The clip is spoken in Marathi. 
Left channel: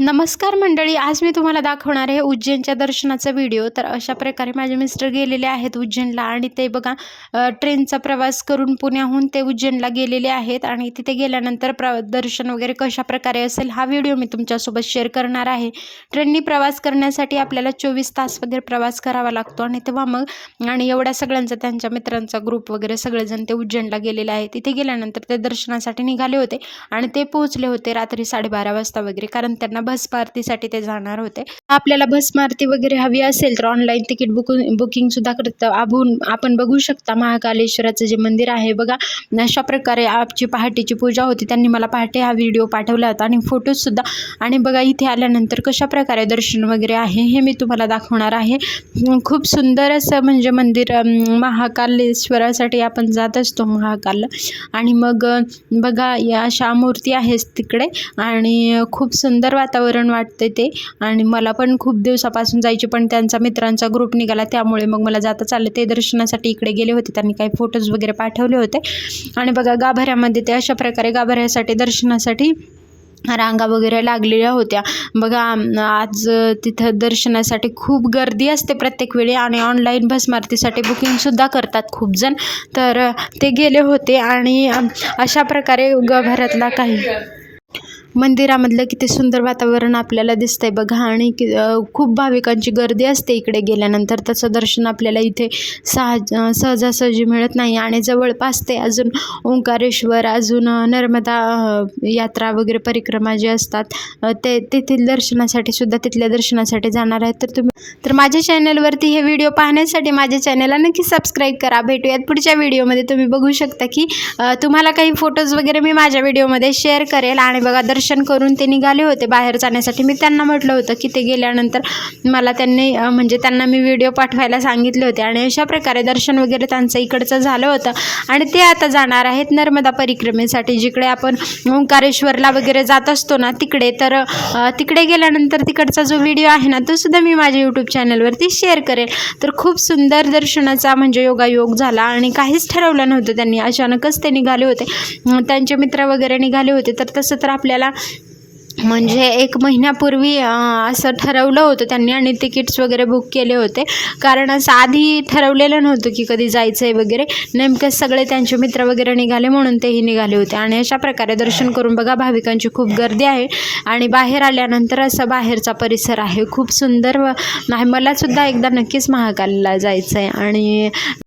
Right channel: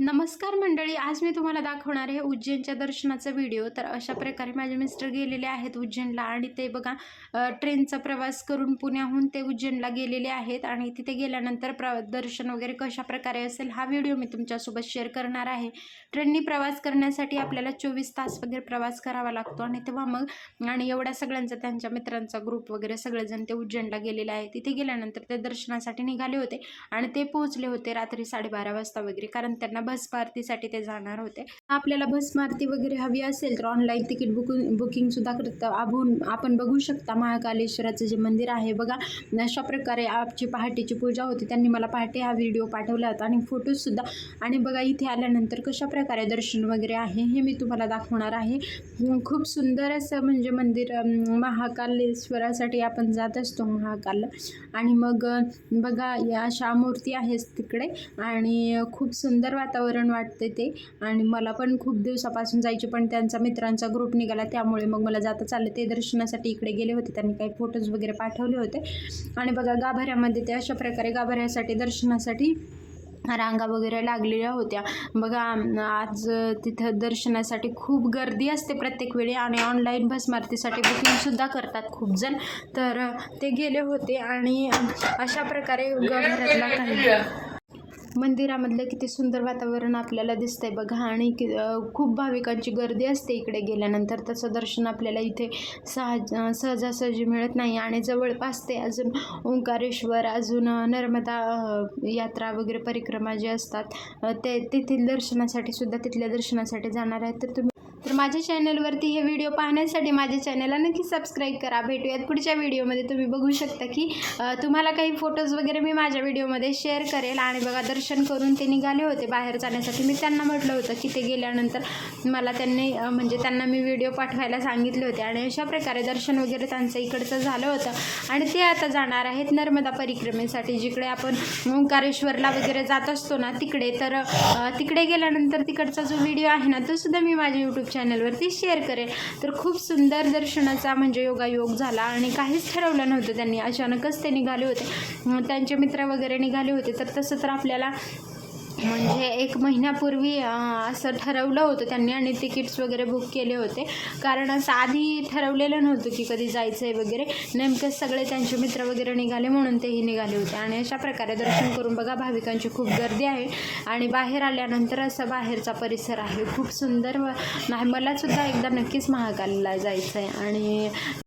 नमस्कार मंडळी, आज मी तुम्हाला दाखवणार आहे उज्जैनच्या दर्शनाचा व्हिडिओ। तर अशा प्रकारे माझे मिस्टर गेलेले आहेत उज्जैनला आणि ते बघा ट्रेनचा प्रवास करून पुण्याहून ते उज्जैनला गेलेले आहेत आणि तिथे गेल्यानंतर दर्शन वगैरे कशा प्रकारे असेल हा व्हिडिओ मी तुमच्यासोबत शेअर करणार आहे। ट्रेननी प्रवास करण्यासाठी आपल्याला 24 तास वगैरे प्रवास करावा लागतो आणि तेव्हा मग आणि एवढ्या सगळ्यांचा त्यांच्या मित्रांचा ग्रुप वगैरे सगळेजण ते उज्जैनला गेलेले आहेत। तिथे गेल्यानंतर ते दर्शनासाठी निघाले होते आणि ते पोहोचले होते रात्री 12:30 वाजता वगैरे, कारण त्यांना बस पार्टीसाठी ते जाणार होते। आपल्याला बस पार्टी वगैरे हवी असेल तर ऑनलाईन तिकीट बुकिंग सुद्धा करता आपण बघू शकता। महाकालेश्वराचं जे मंदिर आहे बघा, अशा प्रकारे आजची पहाटेची पूजा होती। त्यांनी मला पहाटे हा व्हिडिओ पाठवला होता आणि फोटोज सुद्धा। आणि बघा इथे आल्यानंतर कशा प्रकारे दर्शन वगैरे आहे हे मी तुम्हाला दाखवणार आहे। खूप सुंदर असं म्हणजे मंदिर, महाकालेश्वरासाठी आपण जात असतो महाकालला। आणि मग बघा या अशा मूर्ती आहेत तिकडे आणि खूप सुंदर वातावरण वाटते ते। आणि मला पण खूप दिवसापासून जायचे, पण त्यांचा मित्रांचा ग्रुप निघाला त्यामुळे मग मला जाता आलं। ते दर्शनासाठी इकडे गेले होते, त्यांनी काही फोटोज वगैरे पाठवले होते। आणि बघा गाभाऱ्यामध्ये ते अशा प्रकारे गाभाऱ्यासाठी दर्शनासाठी रांगा वगैरे लागलेल्या होत्या बघा। आज तिथं दर्शनासाठी खूप गर्दी असते प्रत्येक वेळी आणि ऑनलाईन भस्मारतीसाठी बुकिंगसुद्धा करतात खूप जण। तर ते गेले होते आणि अशा प्रकारे गाभाऱ्यातला काही मंदिरामधलं किती सुंदर वातावरण आपल्याला दिसतंय बघा। आणि खूप भाविकांची गर्दी असते इकडे गेल्यानंतर। तसं दर्शन आपल्याला इथे सहजासहजी मिळत नाही। आणि जवळपास ते अजून ओंकारेश्वर, अजून नर्मदा यात्रा वगैरे परिक्रमा जे असतात ते तेथील दर्शनासाठी सुद्धा तिथल्या दर्शनासाठी जाणार आहेत। तर माझ्या चॅनलवरती हे व्हिडिओ पाहण्यासाठी माझ्या चॅनलला नक्की सबस्क्राईब करा। भेटूयात पुढच्या व्हिडिओमध्ये। तुम्ही बघू शकता की तुम्हाला काही फोटोज वगैरे मी माझ्या व्हिडिओमध्ये शेअर करेल। आणि बघा दर्शन करून ते निघाले होते बाहेर जाण्यासाठी। मी त्यांना म्हटलं होतं की ते गेल्यानंतर मला त्यांना मी व्हिडिओ पाठवायला सांगितले होते। आणि अशा प्रकारे दर्शन वगैरे त्यांचं इकडचं झालं होतं आणि ते आता जाणार आहेत नर्मदा परिक्रमेसाठी, जिकडे आपण ओंकारेश्वरला वगैरे जात असतो ना तिकडे। तर तिकडे गेल्यानंतर तिकडचा जो व्हिडिओ आहे ना तो सुद्धा मी माझ्या यूट्यूब चॅनलवरती शेअर करेल। तर खूप सुंदर दर्शनाचा म्हणजे योगायोग झाला आणि काहीच ठरवलं नव्हतं त्यांनी, अचानकच ते निघाले होते। त्यांचे मित्र वगैरे निघाले होते। तर तसं तर आपल्याला म्हणजे 1 महिन्यापूर्वी असं ठरवलं होतं त्यांनी आणि तिकीट्स वगैरे बुक केले होते, कारण असं आधी ठरवलेलं नव्हतं की कधी जायचं आहे वगैरे। नेमकं सगळे त्यांचे मित्र वगैरे निघाले म्हणून तेही निघाले होते। आणि अशा प्रकारे दर्शन करून बघा भाविकांची खूप गर्दी आहे। आणि बाहेर आल्यानंतर असं बाहेरचा परिसर आहे खूप सुंदर। मलासुद्धा एकदा नक्कीच महाकालला जायचं आहे। आणि